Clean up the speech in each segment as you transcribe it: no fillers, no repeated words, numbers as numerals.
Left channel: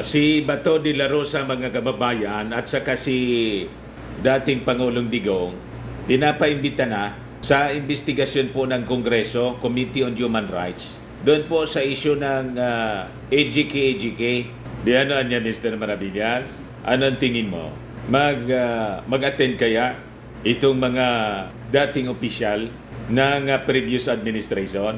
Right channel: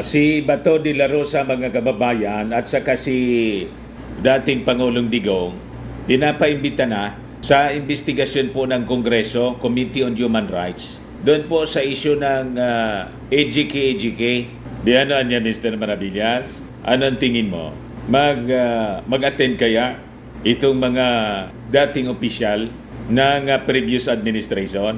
Si Bato de la Rosa, mga kababayan, at saka si dating Pangulong Digong, pinapaimbita na sa investigasyon po ng Kongreso, Committee on Human Rights, doon po sa issue ng AGK. Di ano niya, Mr. Maravillas? Anong tingin mo? Mag-attend kaya itong mga dating opisyal ng previous administration?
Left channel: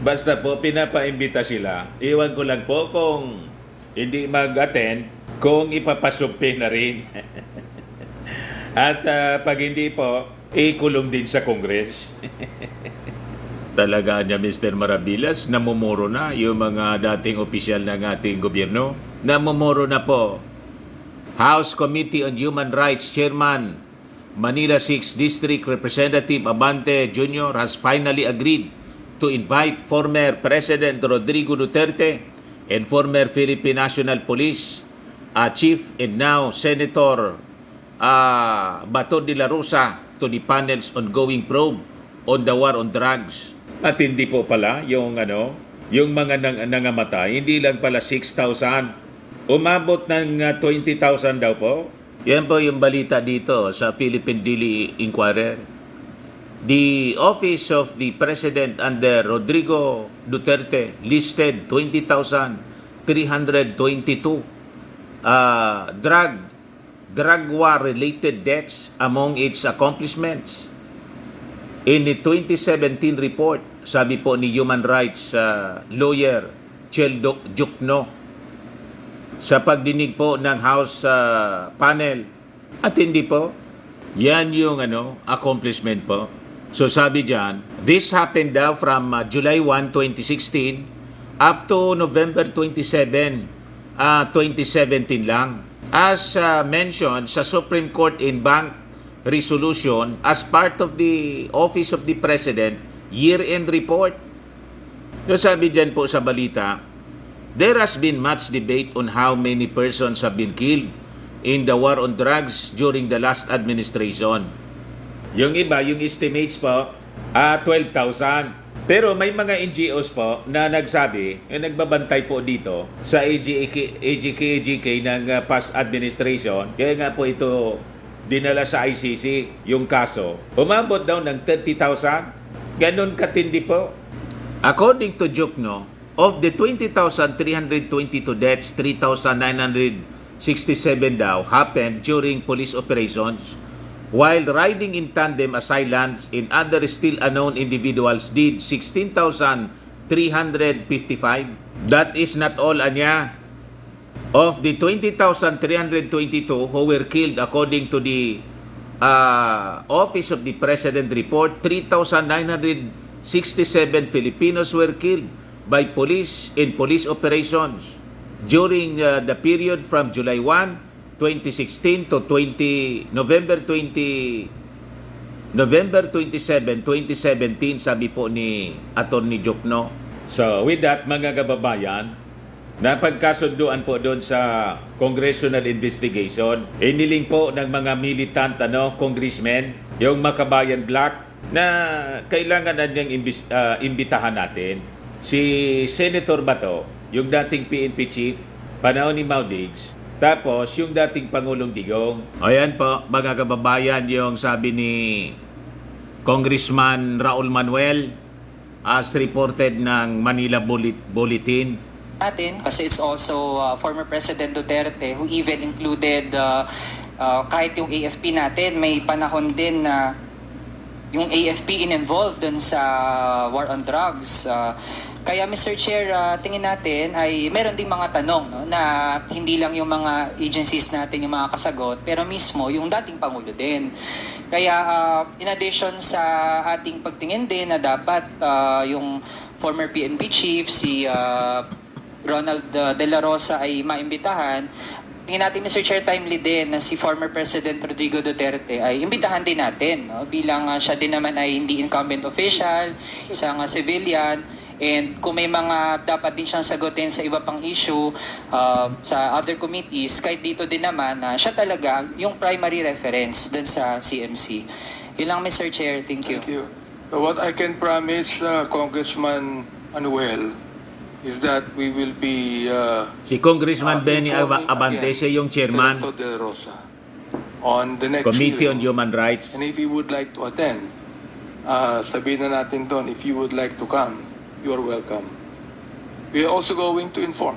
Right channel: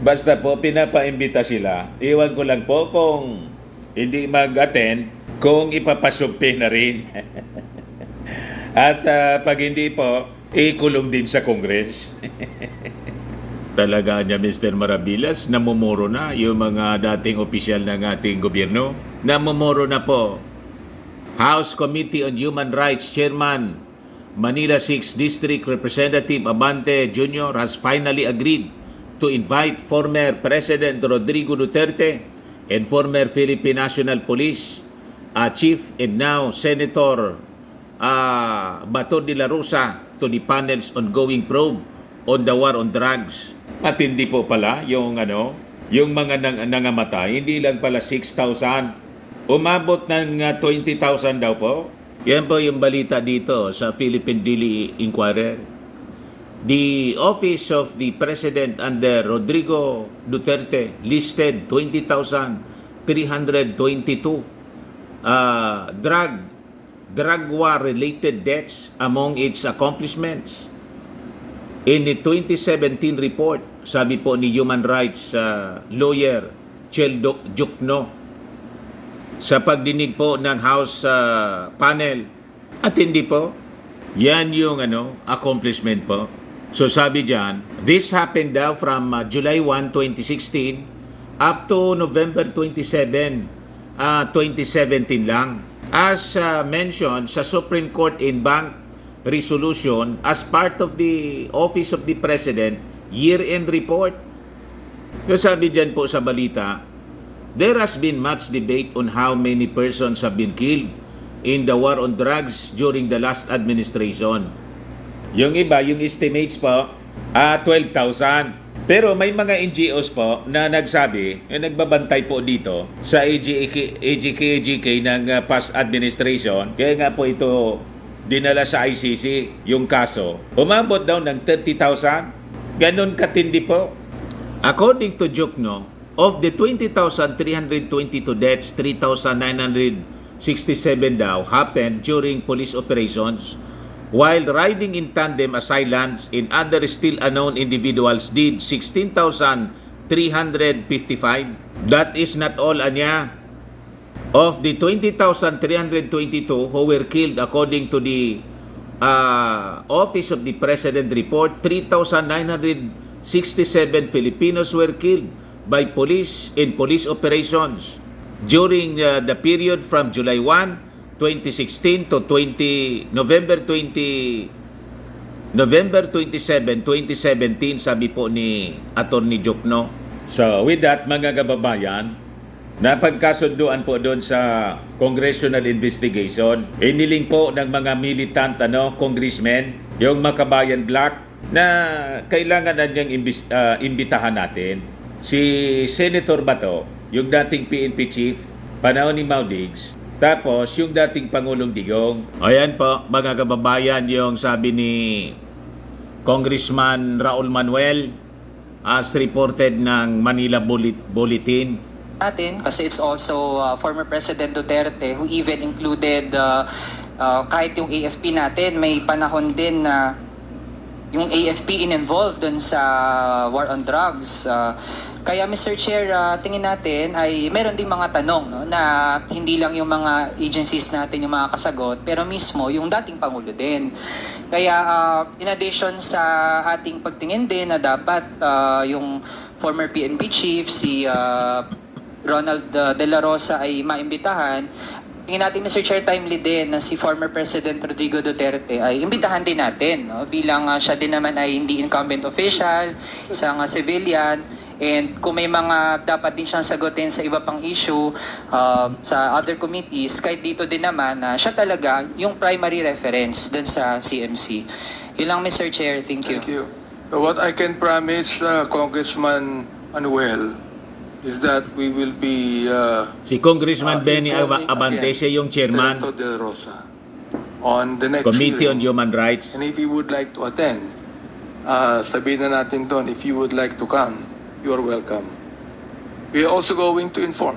Basta po, pinapaimbita sila. Iwan ko lang po kung hindi mag-attend, kung ipapasumpi na rin. At pag hindi po, ikulong din sa Congress. Talaga niya, Mr. Maravillas, namumuro na yung mga dating opisyal ng ating gobyerno. Namumuro na po. House Committee on Human Rights Chairman, Manila 6th District Representative Abante Jr. has finally agreed to invite former President Rodrigo Duterte and former Philippine National Police Chief and now Senator Bato de la Rosa to the panel's ongoing probe on the war on drugs. At hindi po pala yung mga nangamatay, hindi lang pala 6,000. Umabot ng 20,000 daw po. Yan po yung balita dito sa Philippine Daily Inquirer. The Office of the President under Rodrigo Duterte listed 20,322 drug war-related deaths among its accomplishments. In the 2017 report, sabi po ni human rights lawyer Chel Jukno, sa pagdinig po ng House panel, at hindi po, yan yung accomplishment po. So sabi dyan, this happened daw from July 1, 2016 up to November 27, 2017 lang. As mentioned sa Supreme Court in Bank resolution as part of the Office of the President year-end report. So sabi dyan po sa balita, there has been much debate on how many persons have been killed in the war on drugs during the last administration. Yung iba, yung estimates po, 12,000. Pero may mga NGOs po na nagsabi, yung nagbabantay po dito sa AGK ng past administration, kaya nga po ito dinala sa ICC yung kaso. Umabot daw ng 30,000. Ganon katindi po. According to Jukno, of the 20,322 deaths, 3,967 daw happened during police operations, while riding in tandem assailants and other still unknown individuals did 16,355. That is not all, anya. Of the 20,322 who were killed according to the Office of the President report, 3,967 Filipinos were killed by police in police operations during the period from July 1, 2016 to November 27, 2017, sabi po ni Attorney Jukno. So with that, mga kababayan, napagkasunduan po doon sa congressional investigation. Iniling po ng mga militant congressmen, yung Makabayan Black, na kailangan na niyang imbitahan natin si Senator Bato, yung dating PNP chief, panahon ni Mau Diggs, tapos yung dating Pangulong Digong. Ayan po, mga kababayan, yung sabi ni Congressman Raul Manuel as reported ng Manila Bulletin. Natin, kasi it's also former President Duterte who even included kahit yung AFP natin, may panahon din na yung AFP in-involved dun sa war on drugs. Kaya Mr. Chair, tingin natin ay meron ding mga tanong, no, na hindi lang yung mga agencies natin yung mga kasagot, pero mismo yung dating Pangulo din. Kaya in addition sa ating pagtingin din na dapat yung former PNP chief, si Ronald De La Rosa ay maimbitahan, tingin natin Mr. Chair timely din na si former President Rodrigo Duterte ay imbitahan din natin, no, bilang siya din naman ay hindi incumbent official, isang civilian. And kung may mga dapat din siyang sagutin sa iba pang issue sa other committees, kahit dito din naman na siya talaga yung primary reference dun sa CMC. Yun lang, Mr. Chair. Thank you. Thank you. So what I can promise Congressman Manuel is that we will be Si Congressman Benny informing Abante, again siya yung chairman, Senator De La Rosa on the next Committee on hearing. Human Rights. And if you would like to attend, sabihin na natin doon, if you would like to come, you are welcome. We are also going to inform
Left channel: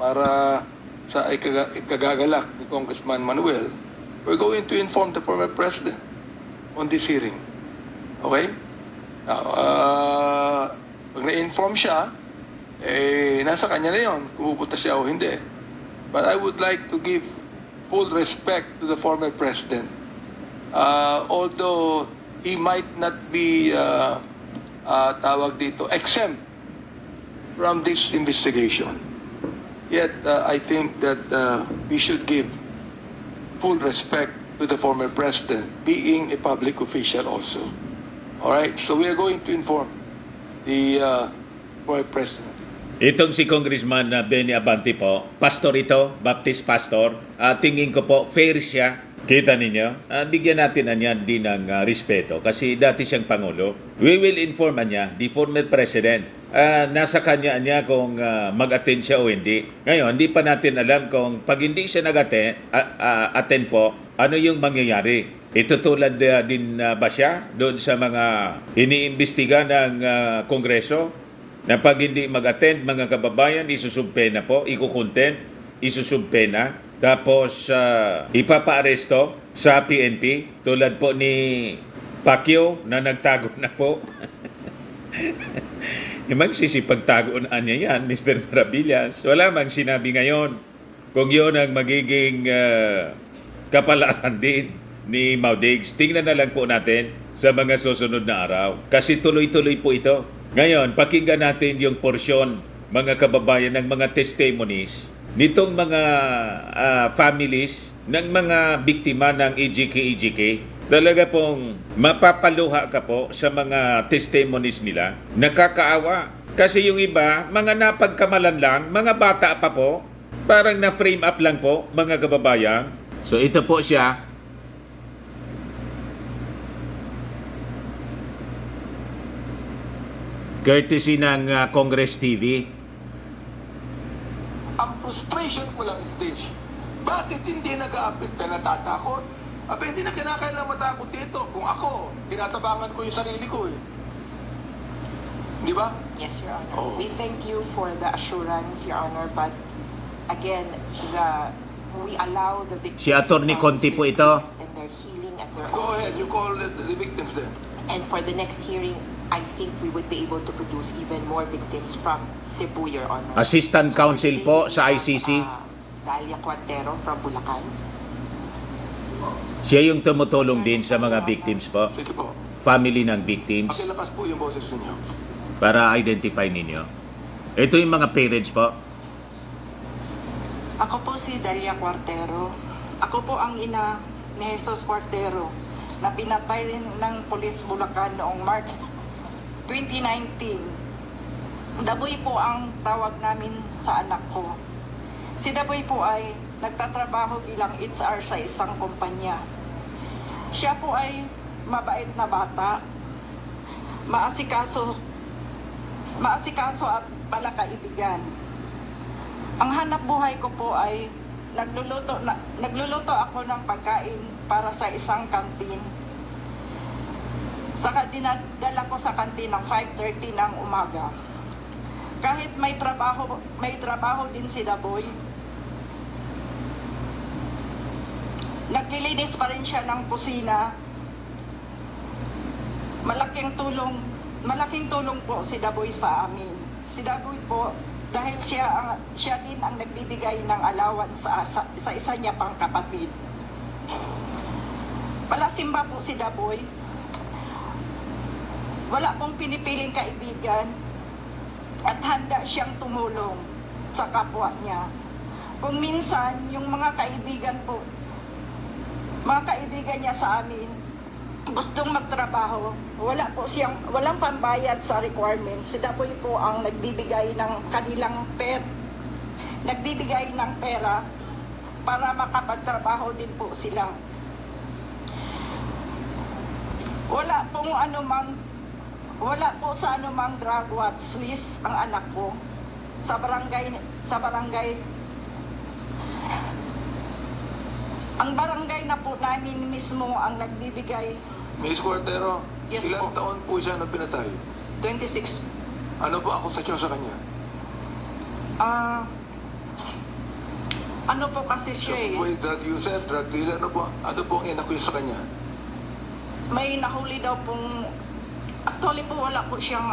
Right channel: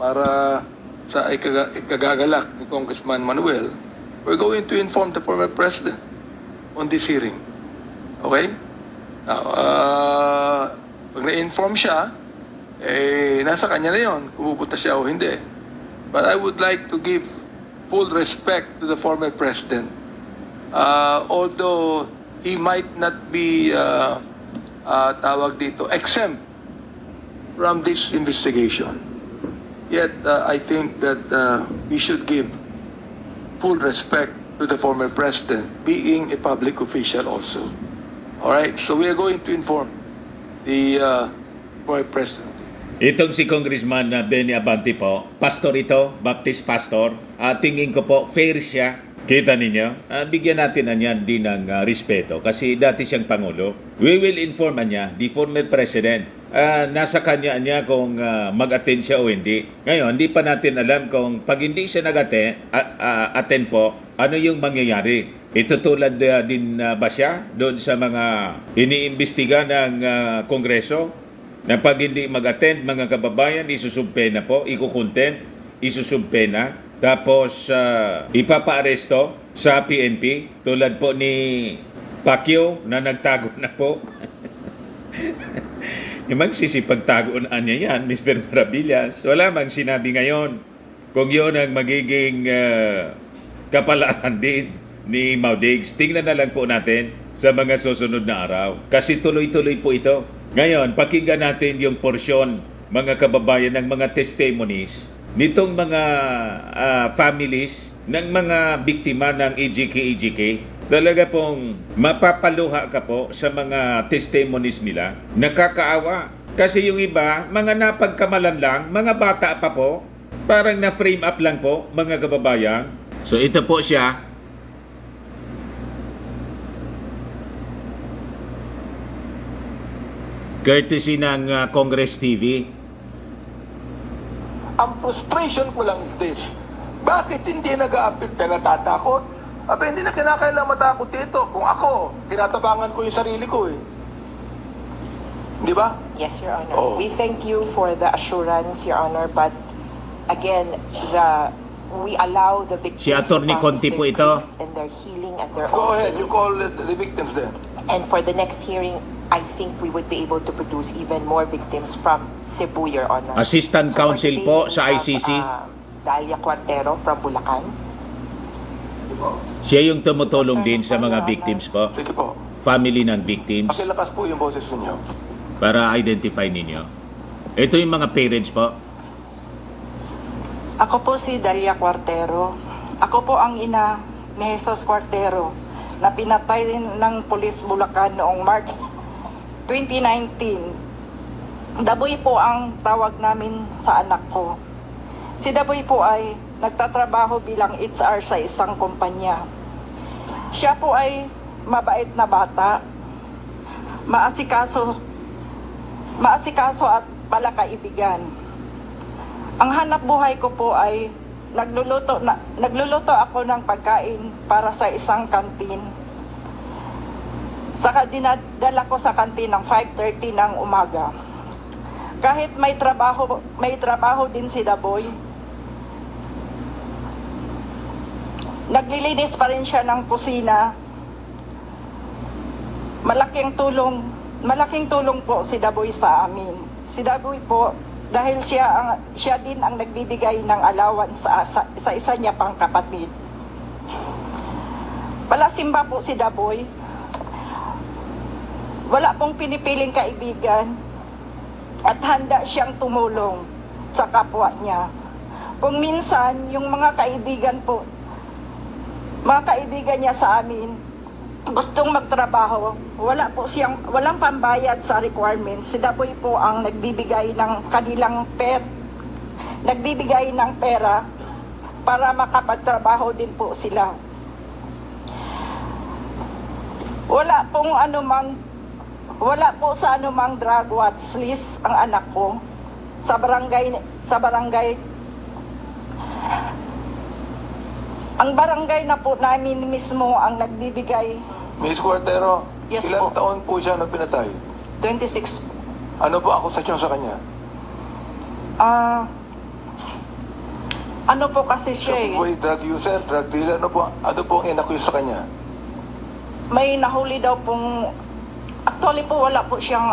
para sa ikagagalak ni Congressman Manuel, we're going to inform the former president on this hearing. Okay? Now, pag na-inform siya, nasa kanya na yon kung pupunta siya o hindi. But I would like to give full respect to the former president. Although he might not be, tawag dito, exempt from this investigation. Yet, I think that we should give full respect to the former president, being a public official also. All right, so we are going to inform the former president. Itong si Congressman Benny Abante po, pastor ito, Baptist pastor. Tingin ko po, fair siya. Kita ninyo? Bigyan natin niya din ng respeto kasi dati siyang Pangulo. We will inform niya, the former president. Nasa kanya niya kung mag-attend siya o hindi. Ngayon, hindi pa natin alam kung pag hindi siya nag-attend po, ano yung mangyayari. Itutulad din ba siya doon sa mga iniimbestiga ng Kongreso? Na pag hindi mag-attend, mga kababayan, isusumpena po, ikukontent, isusumpena, tapos ipapa-aresto sa PNP, tulad po ni Pacquiao na nagtago na po. Magsisipagtagoan niya yan, Mr. Maravillas. Wala mang sinabi ngayon kung yun ang magiging kapalaran din ni Maudigs. Tingnan na lang po natin sa mga susunod na araw. Kasi tuloy-tuloy po ito. Ngayon, pakinggan natin yung porsyon, mga kababayan, ng mga testimonies nitong mga families ng mga biktima ng EJK. Talaga pong mapapaluha ka po sa mga testimonies nila. Nakakaawa. Kasi yung iba, mga napagkamalan lang, mga bata pa po, parang na-frame up lang po, mga kababayan. So ito po siya. Courtesy ng Congress TV. Ang frustration ko lang is this. Bakit hindi nag-a-appeal ka natatakot? Aba, hindi na kinakailangan matakot dito. Kung ako, tinatabangan ko yung sarili ko eh. Di ba? Yes, Your Honor. Oh. We thank you for the assurance, Your Honor, but again, we allow the victims Si Atty. to Conti process po their ito. grief and their healing at their Go own ahead, you pace. call the victims then. And for the next hearing, I think we would be able to produce even more victims from Cebu, Your Honor. Assistant Counsel today po we sa have, ICC. Dalia Cuartero from Bulacan. Siya yung tumutulong din sa mga victims po. Sige po. Family ng victims. Pakilakas po yung boses ninyo. Para identify ninyo. Ito yung mga parents po. Ako po si Dalia Cuartero. Ako po ang ina ni Jesus Cuartero na pinatay din ng Police Bulacan noong March 2019. Daboy po ang tawag namin sa anak ko. Si Daboy po ay nagtatrabaho bilang HR sa isang kumpanya. Siya po ay mabait na bata, maasikaso at palakaibigan. Ang hanap buhay ko po ay nagluluto ako ng pagkain para sa isang kantin. Saka dinadala ko sa kantin ng 5:30 ng umaga. Kahit may trabaho din si Daboy, naglilinis pa rin siya ng kusina. Malaking tulong po si Daboy sa amin. Si Daboy po, dahil siya din ang nagbibigay ng allowance sa isa niya pang kapatid. Palasimba po si Daboy. Wala pong pinipiling kaibigan at handa siyang tumulong sa kapwa niya. Kung minsan, yung mga kaibigan niya sa amin, gustong magtrabaho, walang pambayad sa requirements. Si Daboy po ang nagbibigay ng pera para makapagtrabaho din po sila. Wala pong anumang Wala po sa anumang drug watch list ang anak ko. Sa barangay, ang barangay na po namin mismo ang nagbibigay. Miss Cuartero, Yes ilang po. taon po siya nang pinatay? 26. Ano po akusasyon sa kanya? Ano po kasi siya eh. Boy, drug user, drug dealer, ano po ang inaccuse sa kanya? May nahuli daw pong, actually po wala po siyang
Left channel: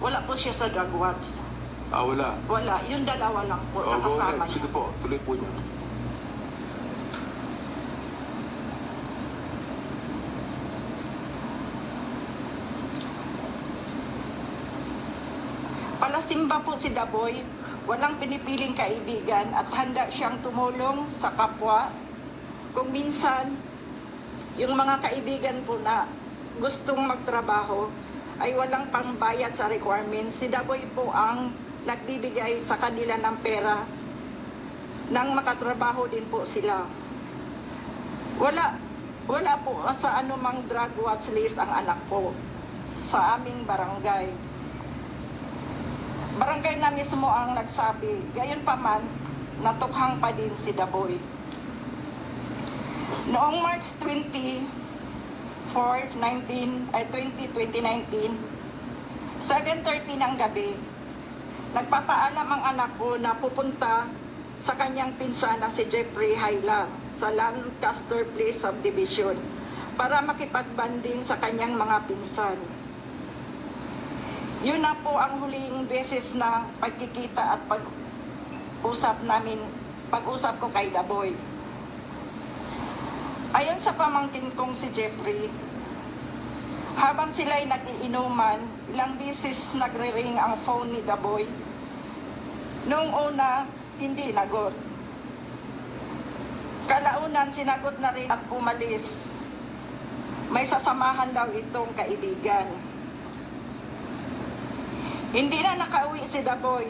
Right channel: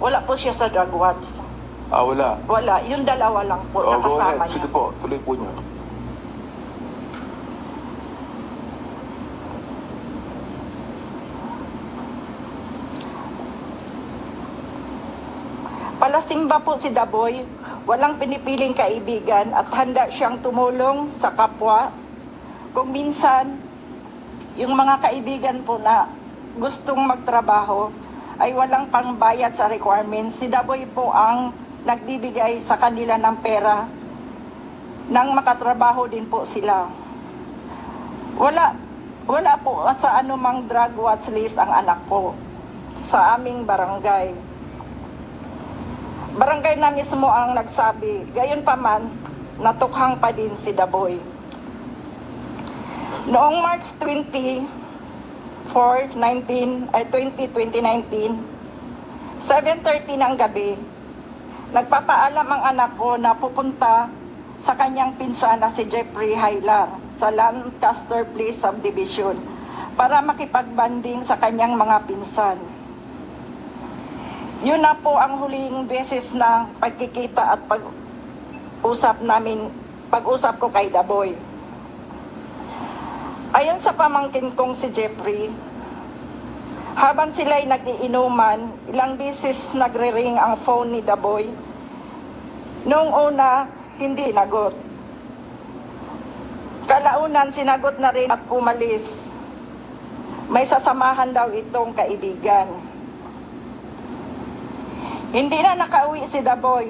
wala po siya sa drug watch. Wala. Wala, yung dalawa lang po Go nakasama ahead. Sige niya. po, tuloy po niyo. Palasimba po si Daboy, walang pinipiling kaibigan at handa siyang tumulong sa kapwa. Kung minsan, yung mga kaibigan po na gustong magtrabaho ay walang pangbayad sa requirements, si Daboy po ang nagbibigay sa kanila ng pera nang makatrabaho din po sila. Wala po sa anumang drug watch list ang anak ko sa aming barangay. Barangay na mismo ang nagsabi, gayon pa man, natukhang pa din si Daboy. Noong March 2019, 2019, 7:30 ng gabi, nagpapaalam ang anak ko na pupunta sa kanyang pinsan na si Jeffrey Haylar sa Lancaster Place Subdivision para makipagbanding sa kanyang mga pinsan. Yun na po ang huling beses na pagkikita at pag-usap ko kay Daboy. Ayon sa pamangkin kong si Jeffrey, habang sila'y nag-iinuman, ilang beses nagre-ring ang phone ni Daboy. Noong una, hindi nagot. Kalaunan, sinagot na rin at umalis. May sasamahan daw itong kaibigan. Hindi na nakauwi si Daboy.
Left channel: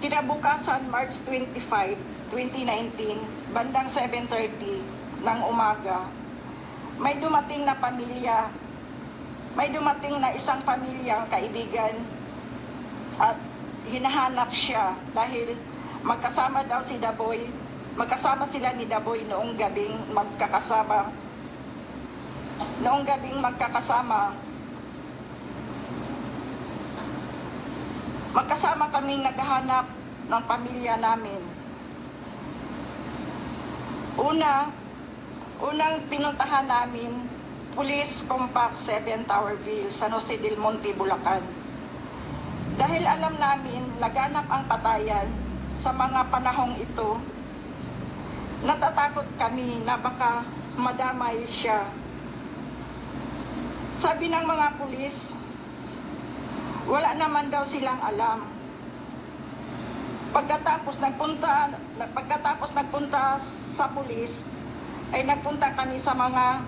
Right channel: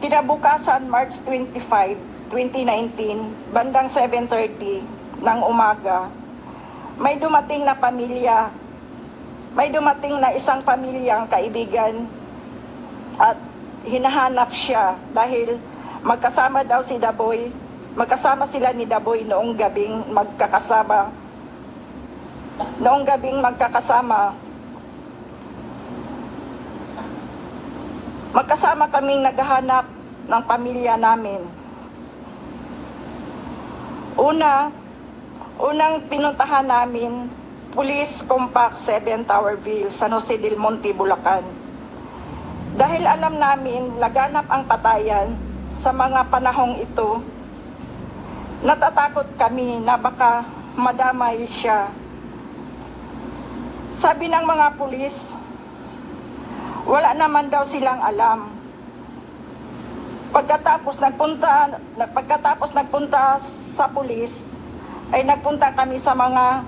Kinabukasan, March 25, 2019, bandang 7:30 ng umaga, may dumating na isang pamilyang kaibigan at hinahanap siya dahil magkasama sila ni Daboy noong gabing magkakasama. Magkasama kaming naghahanap ng pamilya namin. Unang pinuntahan namin, Police Compact 7 Towerville, San Jose del Monte, Bulacan. Dahil alam namin laganap ang patayan sa mga panahong ito, natatakot kami na baka madamay siya. Sabi ng mga pulis, wala naman daw silang alam. Pagkatapos nagpunta sa pulis, ay nagpunta kami sa mga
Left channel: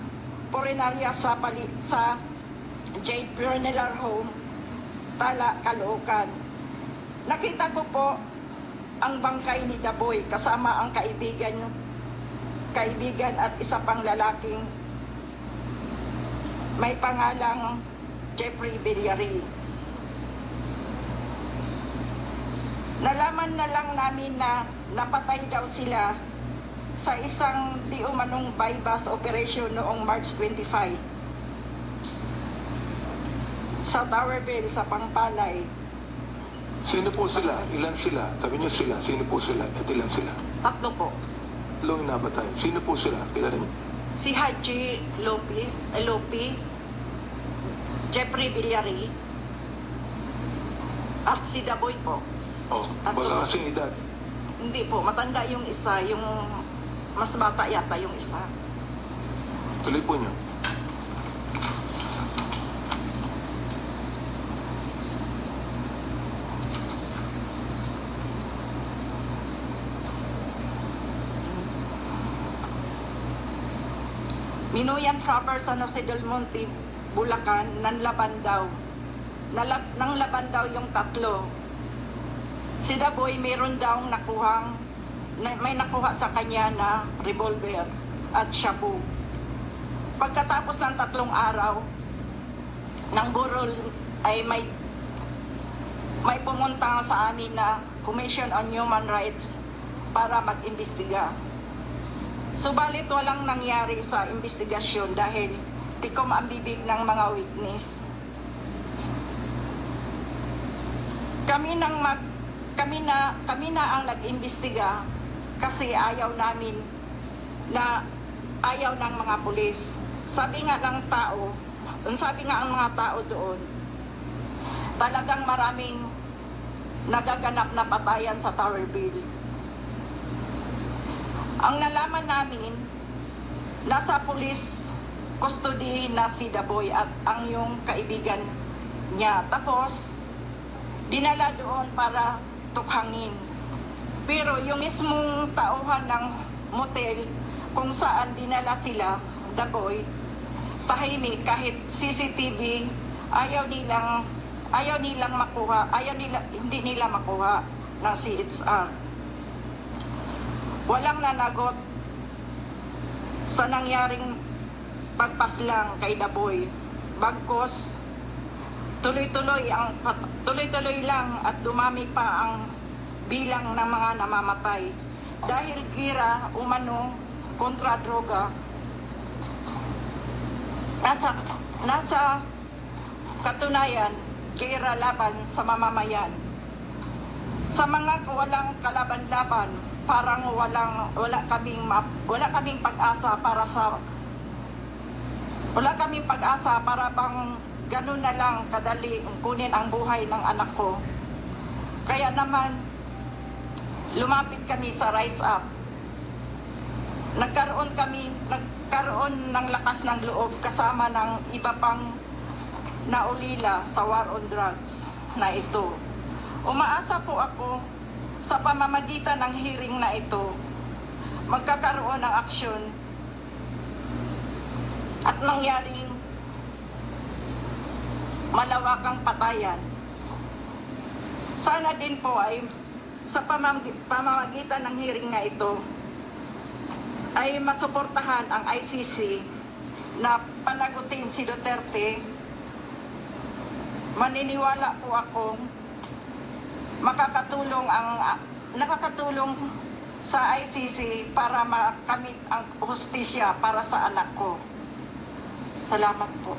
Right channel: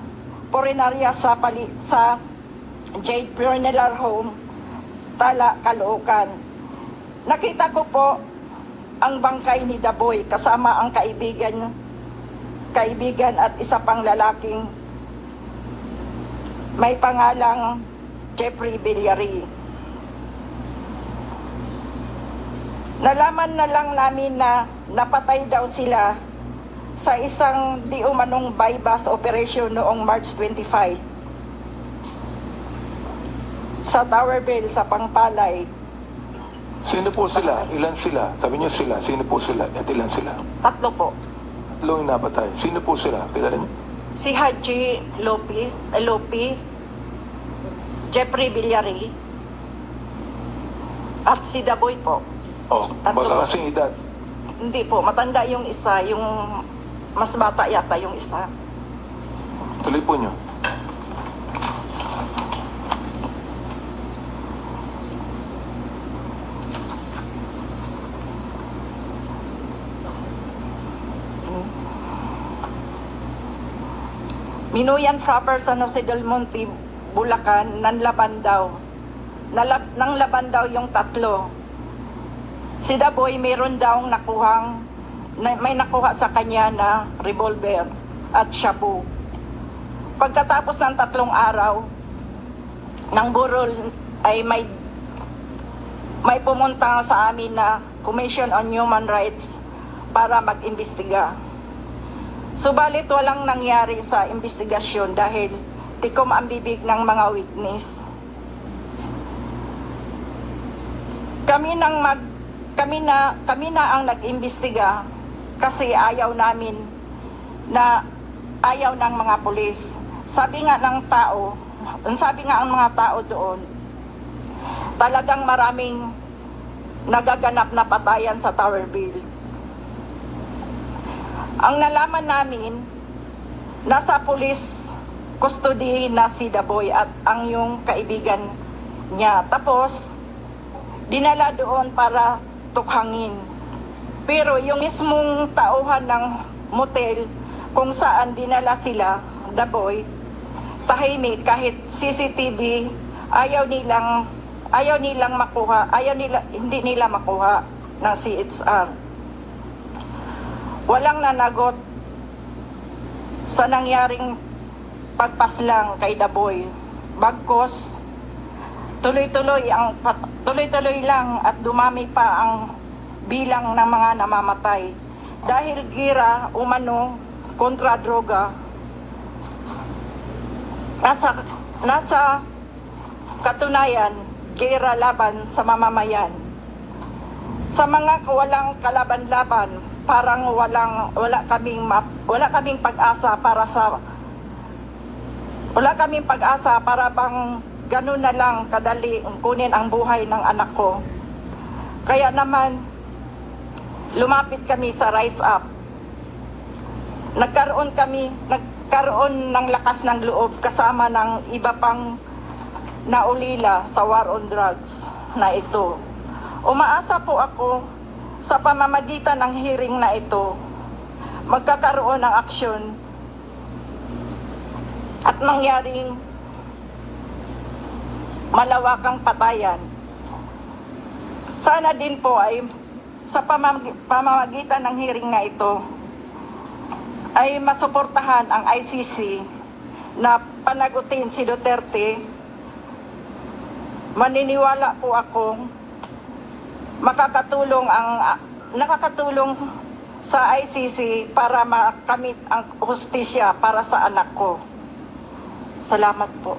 porenarya sa Jade Funeral Home, Tala, Caloocan. Nakita ko po ang bangkay ni Daboy kasama ang kaibigan at isa pang lalaking may pangalang Jeffrey Villari. Nalaman na lang namin na napatay daw sila sa isang di umanong bypass operation noong March 25 sa Towerville, sa Pangpalay. Sino po sila? Ilan sila? Sabi niyo sila. Sino po sila? At ilan sila? 3 po. Tatlong napatay. Sino po sila? Kilala niyo? Si Haji Lopi, Jeffrey Villari, at si Daboy po. Tatlo. Baka kasing edad. Hindi po, matanda yung isa, yung mas bata yata yung isa. Tuloy po niyo. Minuyan Proper San Jose del Monte, Bulacan, nanlaban daw. Nanglaban daw yung 3. Si Daboy mayroon daw may nakuha sa kanya na revolver at shabu. Pagkatapos ng 3 araw, ng burol ay may pumunta sa amin na Commission on Human Rights para mag-imbestiga. Subalit walang nangyari sa investigasyon dahil tikom ang bibig ng mga witness. Kami na ang nag-imbestiga kasi ayaw namin na ayaw ng mga pulis. Sabi nga ang mga tao doon, talagang maraming nagaganap na patayan sa Towerville. Ang nalaman namin, nasa police custody na si Daboy at ang yung kaibigan niya. Tapos, dinala doon para tukhangin. Pero yung mismong tauhan ng motel kung saan dinala sila, Daboy, tahimik kahit CCTV, hindi nila makuha ng CHR. Walang nanagot sa nangyaring pagpaslang kay Daboy. Bagkos, tuloy-tuloy lang at dumami pa ang bilang ng mga namamatay. Dahil gira umano kontra droga, nasa katunayan, gira laban sa mamamayan. Sa mga walang kalaban-laban, parang wala kaming pag-asa para bang ganun na lang kadali kunin ang buhay ng anak ko. Kaya naman lumapit kami sa Rise Up. Nagkaroon ng lakas ng loob kasama ng iba pang naulila sa war on drugs na ito. Umaasa po ako sa pamamagitan ng hearing na ito, magkakaroon ng aksyon at mangyaring malawakang patayan. Sana din po ay sa pamamagitan ng hearing na ito ay masuportahan ang ICC na panagutin si Duterte. Maniniwala po ako nakakatulong sa ICC para makamit ang hustisya para sa anak ko. Salamat po.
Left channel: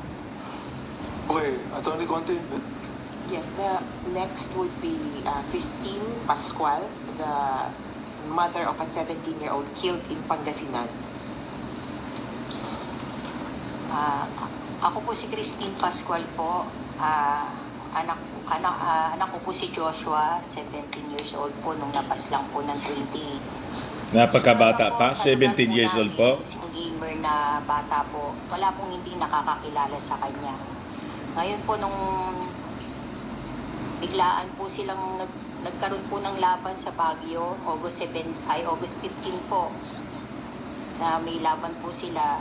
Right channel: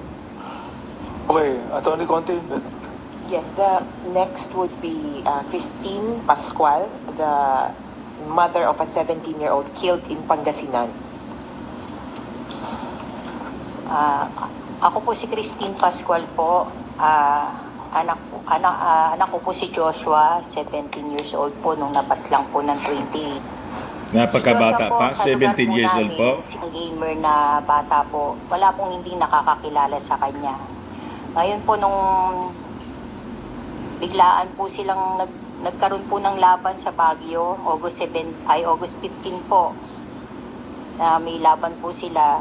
Okay, Attorney Conte. Yes, the next would be Christine Pascual, the mother of a 17-year-old killed in Pangasinan. Ako po si Christine Pascual po. Anak ko po si Joshua, 17 years old po, nung napaslang po ng 20. Napakabata Si Joshua pa, sa lugar 17 years old po. Si gamer na bata po, wala pong hindi nakakakilala sa kanya. Ngayon po nung biglaan po silang nagkaroon po ng laban sa Baguio, August 15 po. Na may laban po sila.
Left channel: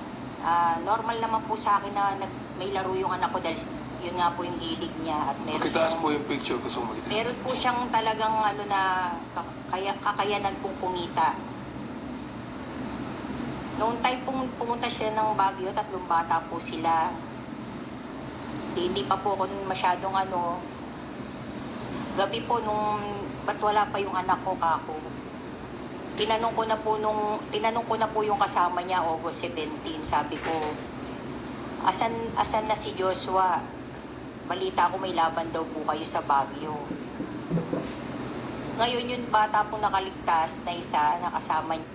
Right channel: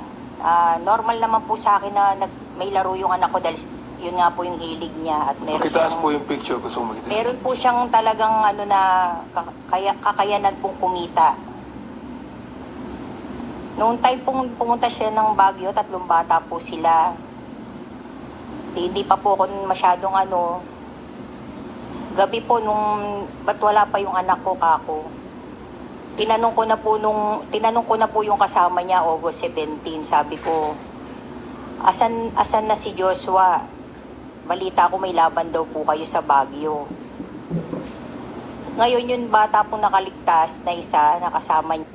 Normal naman po sa akin na may laro yung anak ko dahil yun nga po yung hilig niya. At Pakitaas po yung picture, gusto mo makita. meron po siyang talagang kakayanan pong kumita. Noong time pong pumunta siya ng Baguio, 3 bata po sila. Hindi pa po ako masyadong gabi po ba't wala pa yung anak ko kako. Tinanong ko na po yung kasama niya August 17, sabi ko, asan na si Joshua? Balita ko may laban daw po kayo sa Baguio. Ngayon yung bata pong nakaligtas na isa, nakasama niya.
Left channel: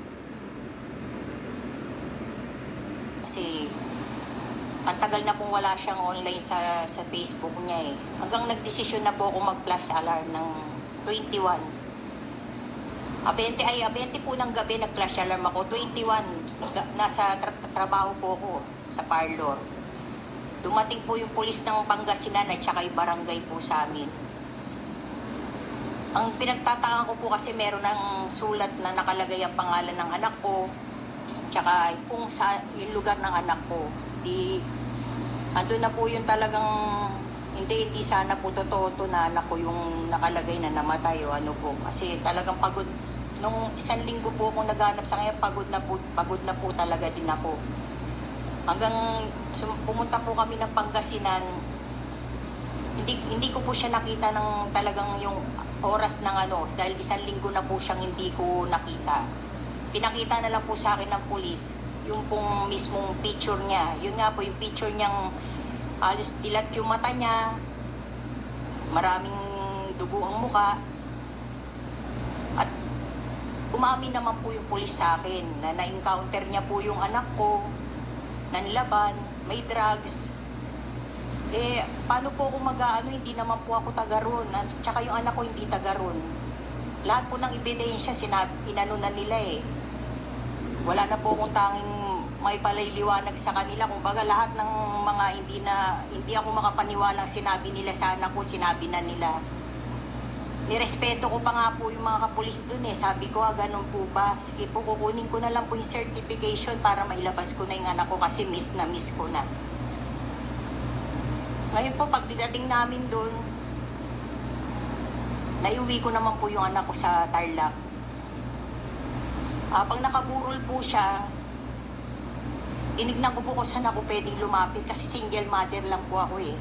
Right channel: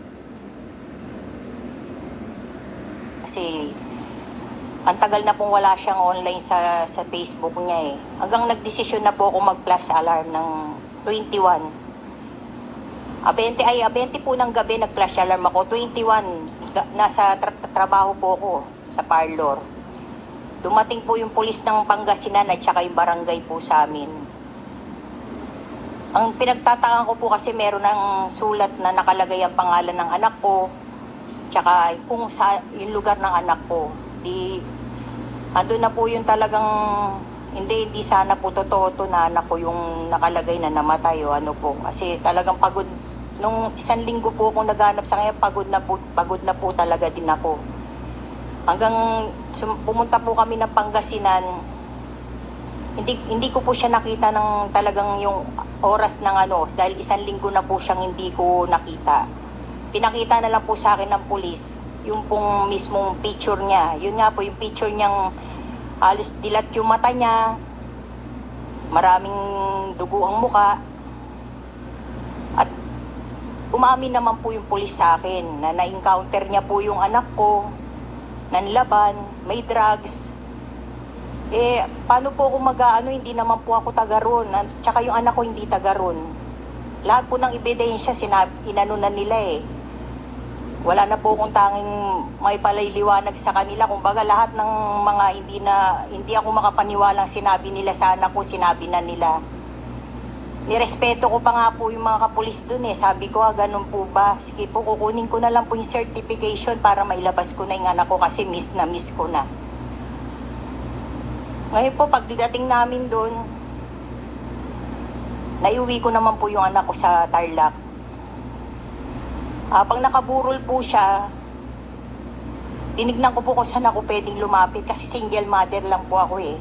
Kasi ang tagal na pong wala siyang online sa Facebook niya eh. Hanggang nagdesisyon na po ako mag-flash alarm ng 21. 20 po ng gabi nag-flash alarm ako. 21, nasa trabaho po ako sa parlor. Dumating po yung pulis ng Pangasinan at saka yung barangay po sa amin. Ang pinagtatakan ko po kasi meron ng sulat na nakalagay ang pangalan ng anak ko, tsaka kung sa yung lugar ng anak ko. Andun na po yung talagang, hindi sana po totoo to na anak ko yung nakalagay na namatay o ano po. Kasi talagang pagod, nung 1 linggo po akong naghanap sa kanya, pagod na po talaga din ako. Hanggang pumunta po kami ng Pangasinan, hindi ko po siya nakita ng talagang yung oras ng ano, dahil 1 linggo na po siyang hindi ko nakita. Pinakita na lang po sa akin ng pulis, yung pong mismong picture niya. Yun nga po, yung picture niyang halos dilat yung mata niya, maraming dugo ang muka. At umamin naman po yung pulis sa akin na na-encounter niya po yung anak ko, nanlaban, may drugs. Eh, paano po ako mag-ano, hindi naman po ako taga ron. Tsaka yung anak ko hindi taga ron. Lahat po ng ebidensya, inano na nila eh. Wala na po akong tanging may palailiwanag sa kanila. Kumbaga lahat ng mga hindi ako makapaniwalang sinabi nila sa anak ko, sinabi na nila. Nirespeto ko pa nga po yung mga kapulis dun eh. Sabi ko, ganun po ba? Sige po, kukunin ko na lang po yung certification para mailabas ko na yung anak ko kasi miss ko na. Ngayon po, pagdating namin doon, naiuwi ko naman po yung anak ko sa Tarlac. Pag nakaburol po siya, tinignan ko po kung saan ako pwedeng lumapit kasi single mother lang po ako eh.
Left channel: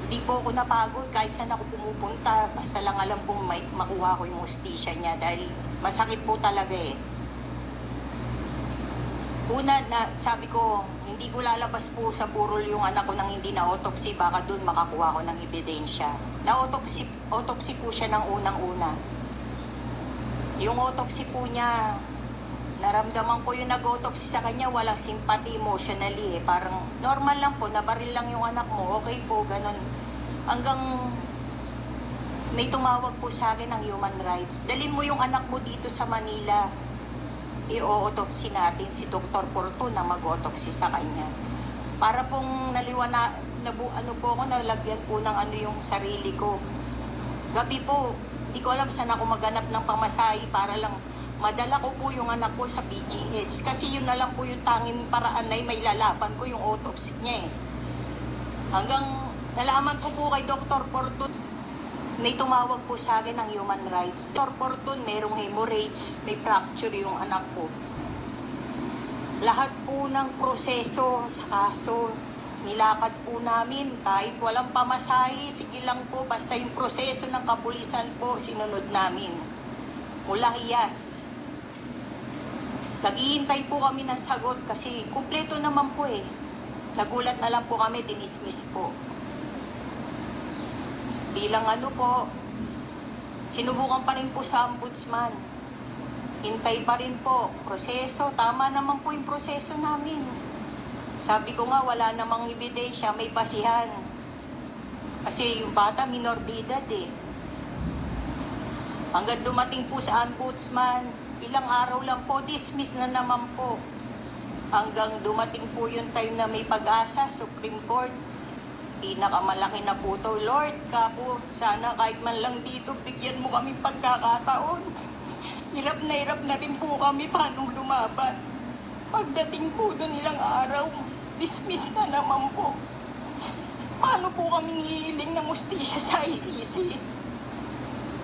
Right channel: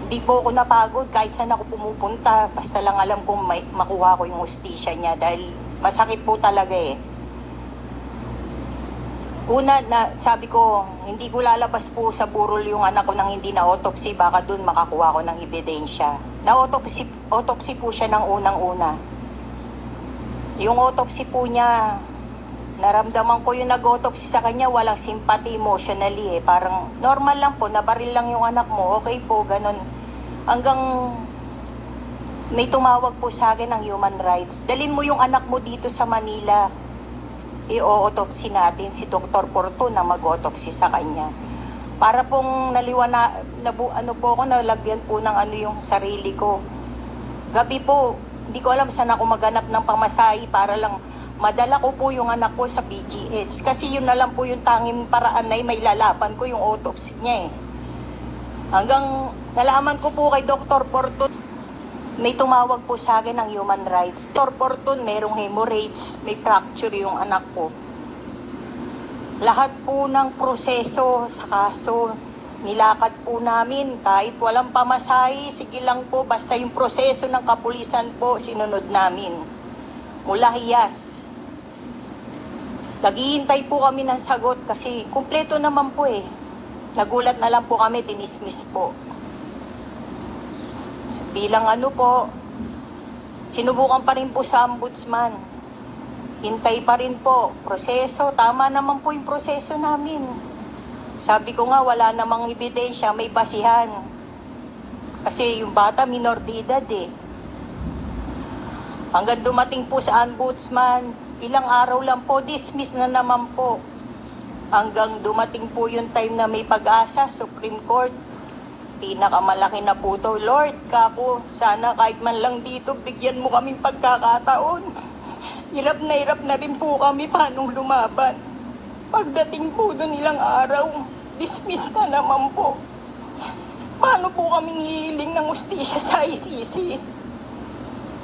Hindi po ako napagod kahit saan ako pumupunta. Basta lang alam kong makuha ko yung hustisya niya dahil masakit po talaga eh. Una, sabi ko, hindi ko lalabas po sa burol yung anak ko nang hindi na-autopsy. Baka dun makakuha ko ng ebidensya. Na-autopsy po siya ng unang-una. Yung autopsy po niya, naramdaman ko yung nag-autopsy sa kanya, walang sympathy emotionally eh. Parang normal lang po, nabaril lang yung anak mo, okay po, ganun. Hanggang may tumawag po sa akin ng human rights. Dalhin mo yung anak mo dito sa Manila. I-autopsy natin si Dr. Porto na mag-autopsy sa kanya. Para pong nalagyan po ng yung sarili ko. Gabi po, hindi ko alam saan ako maghanap ng pamasahe para lang madala ko po yung anak ko sa PGH. Kasi yun na lang po yung tanging paraan na may lalaban ko yung autopsy niya eh. Hanggang nalaman ko po kay Dr. Porto, may tumawag po sa akin ng human rights. Dr. Porton, merong hemorrhage, may fracture yung anak ko. Lahat po ng proseso sa kaso, nilakad po namin kahit walang pamasahe, sige lang po, basta yung proseso ng kapulisan po, sinunod namin. Mula Hiyas. Naghihintay po kami ng sagot kasi kumpleto naman po eh. Nagulat na lang po kami, dinismiss po. Bilang sinubukan pa rin po sa ombudsman. Hintay pa rin po. Proseso, tama naman po yung proseso namin. Sabi ko nga, wala namang ebidensya, may basihan. Kasi yung bata, minor de edad eh. Hanggang dumating po sa ombudsman, ilang araw lang po, dismiss na naman po. Hanggang dumating po yung time na may pag-asa, Supreme Court. Pinakamalaki na po to. Lord, kako, sana kahit man lang dito, bigyan mo kami pagkakataon. Hirap na rin po kami paano lumaban. Pagdating po doon ilang araw, dismiss na naman po. Paano po kami hihiling ng hustisya sa ICC?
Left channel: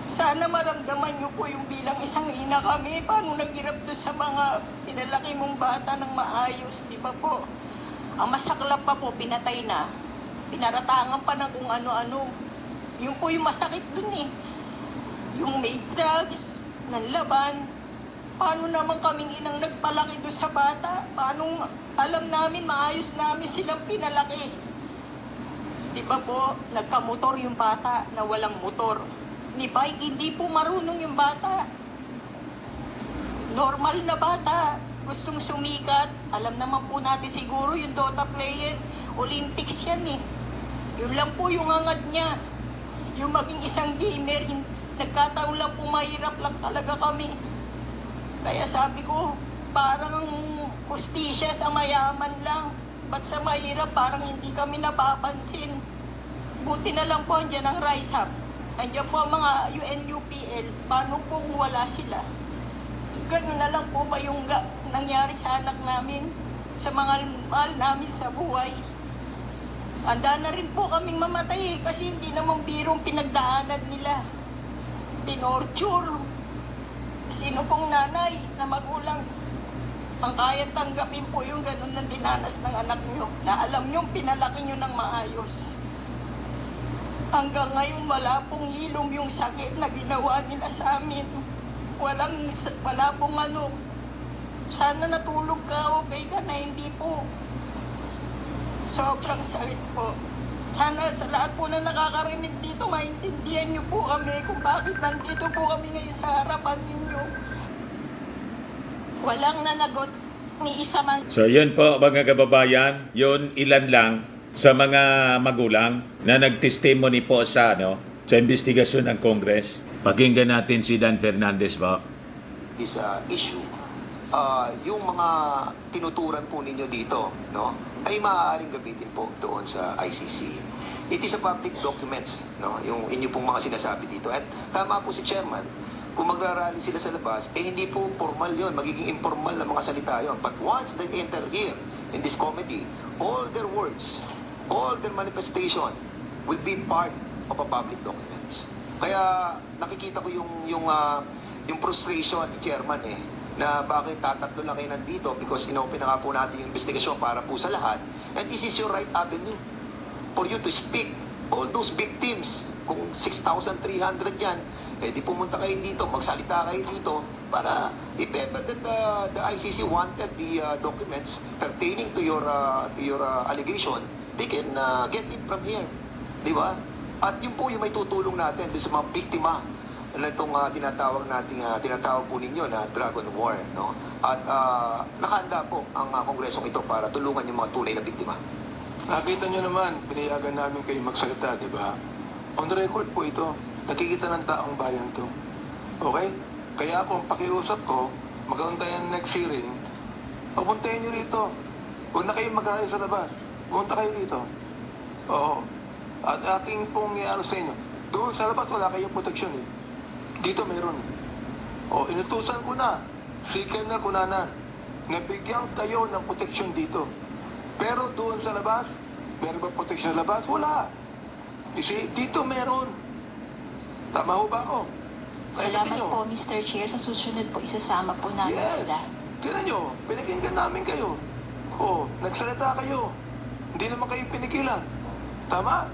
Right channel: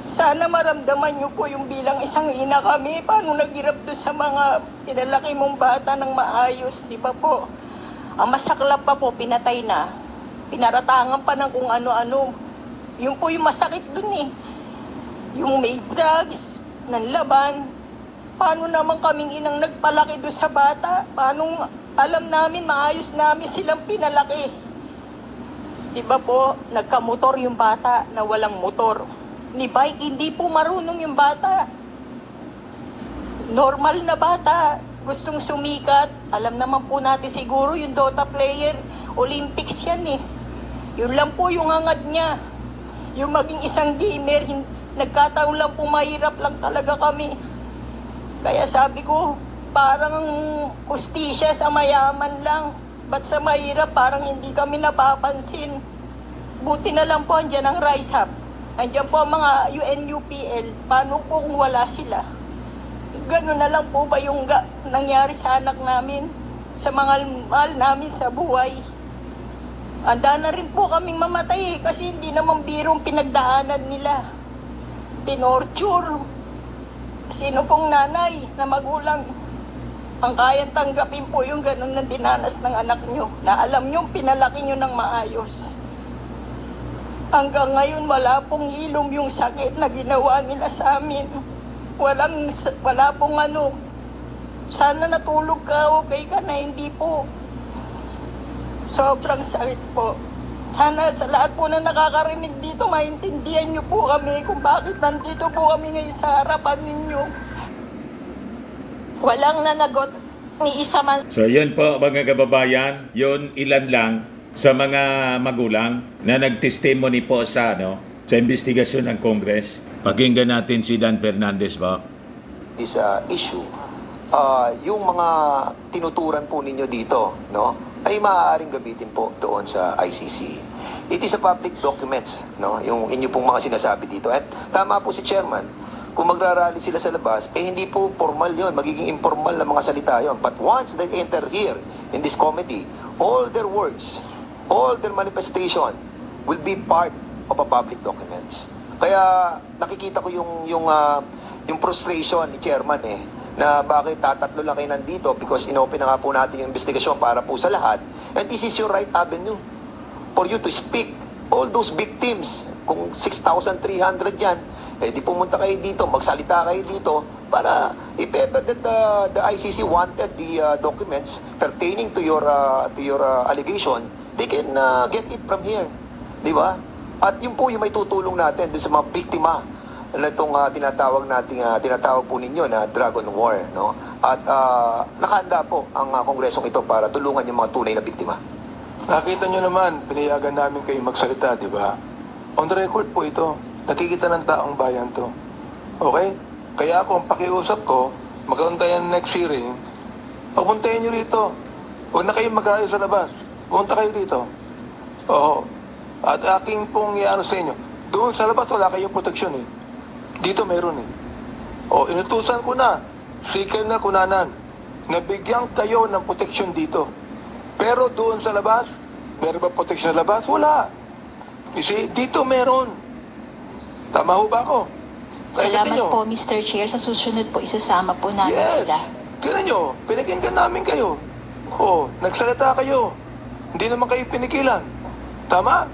Sana maramdaman niyo po yung bilang isang ina kami, paano naghirap doon sa mga pinalaki mong bata ng maayos, di ba po? Ang masaklap pa po, pinatay na. Pinaratangan pa ng kung ano-ano. Yun po yung masakit dun eh. Yung may drugs, nanlaban. Paano naman kaming inang nagpalaki doon sa bata? Paano alam namin, maayos namin silang pinalaki? Di ba po, nagkamotor yung bata na walang motor. Ni bike, hindi po marunong yung bata. Normal na bata, gustong sumikat. Alam naman po natin siguro yung Dota player, Olympics yan eh. Yun lang po yung hangad niya. Yung maging isang gamer, nagkataon lang po mahirap lang talaga kami. Kaya sabi ko, parang hustisya sa mayaman lang. Ba't sa mahirap parang hindi kami napapansin. Buti na lang po andyan ang Rise Up. Andyan po ang mga UNUPL. Paano po kung wala sila? Gano'n na lang po ba yung nangyari sa anak namin? Sa mga mahal namin sa buhay? Handa na rin po kaming mamatay kasi hindi naman birong pinagdaanan nila. Tinorture. Sino pong nanay na magulang ang kaya tanggapin po yung ganun na dinanas ng anak nyo na alam nyo pinalaki nyo ng maayos. Hanggang ngayon wala pong hilom yung sakit na ginawa nila sa amin. Wala pong ano. Sana natulog ka, okay ka na, hindi po. Sobrang sakit po. Sana sa lahat po na nakakarinig dito, maintindihan niyo po kami kung bakit nandito po kami ngayon sa harapan ninyo. Walang nanagot ni isa man. So yun po mga kababayan, yun ilan lang sa mga magulang na nagtestimony po sa sa investigasyon ng Congress. Pakinggan natin si Dan Fernandez po. This issue, yung mga tinuturan po ninyo dito, ay maaaring gamitin po doon sa ICC. It is a public documents, yung inyo pong mga sinasabi dito. At tama po si Chairman, kung magrarally sila sa labas, hindi po formal yon, magiging informal na mga salita yon. But once they enter here in this committee, all their words, all their manifestation will be part of a public documents. Kaya nakikita ko yung frustration ni Chairman na bakit tatatlo lang kayo nandito because inopen na nga po natin yung investigasyon para po sa lahat. And this is your right avenue for you to speak. All those victims, kung 6,300 yan, di pumunta kayo dito, magsalita kayo dito para if ever that the ICC wanted the documents pertaining to your allegation, they can get it from here. Di ba? At yun po yung may tutulong natin doon sa mga biktima na itong tinatawag po ninyo na Dragon War, At nakahanda po ang kongresong ito para tulungan yung mga tunay na biktima. Nakita nyo naman, pinayagan namin kayo magsalita, di ba? On the record po ito. Nakikita ng taong bayan to. Okay? Kaya ako, ang pakiusap ko, magkaroon tayo ng next hearing, papuntahin nyo rito. Huwag na kayong mag-aayos sa labas. Pumunta kayo rito. Oo. At aking pong iano sa inyo, doon sa labas wala kayong proteksyon Dito meron O, inutusan ko na, sikil na kunanan, nabigyan kayo ng proteksyon dito. Pero doon sa labas, meron ba proteksyon sa labas? Wala. Kasi dito meron. Tama ho ba ako? Salamat po, Mr. Chair. Sa susunod po, isasama po namin Yes. sila. Tignan nyo, pinakinggan namin kayo. O, nagsalita kayo. Hindi naman kayo pinigilan. Tama?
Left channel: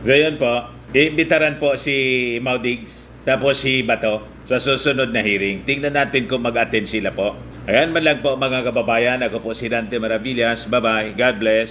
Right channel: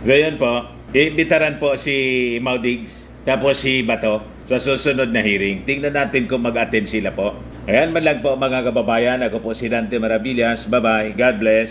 Ngayon po, iimbitaran po si Maudigs tapos si Bato sa susunod na hearing. Tingnan natin kung mag-attend sila po. Ayan man lang po mga kababayan. Ako po si Dante Maravillas. Bye-bye. God bless.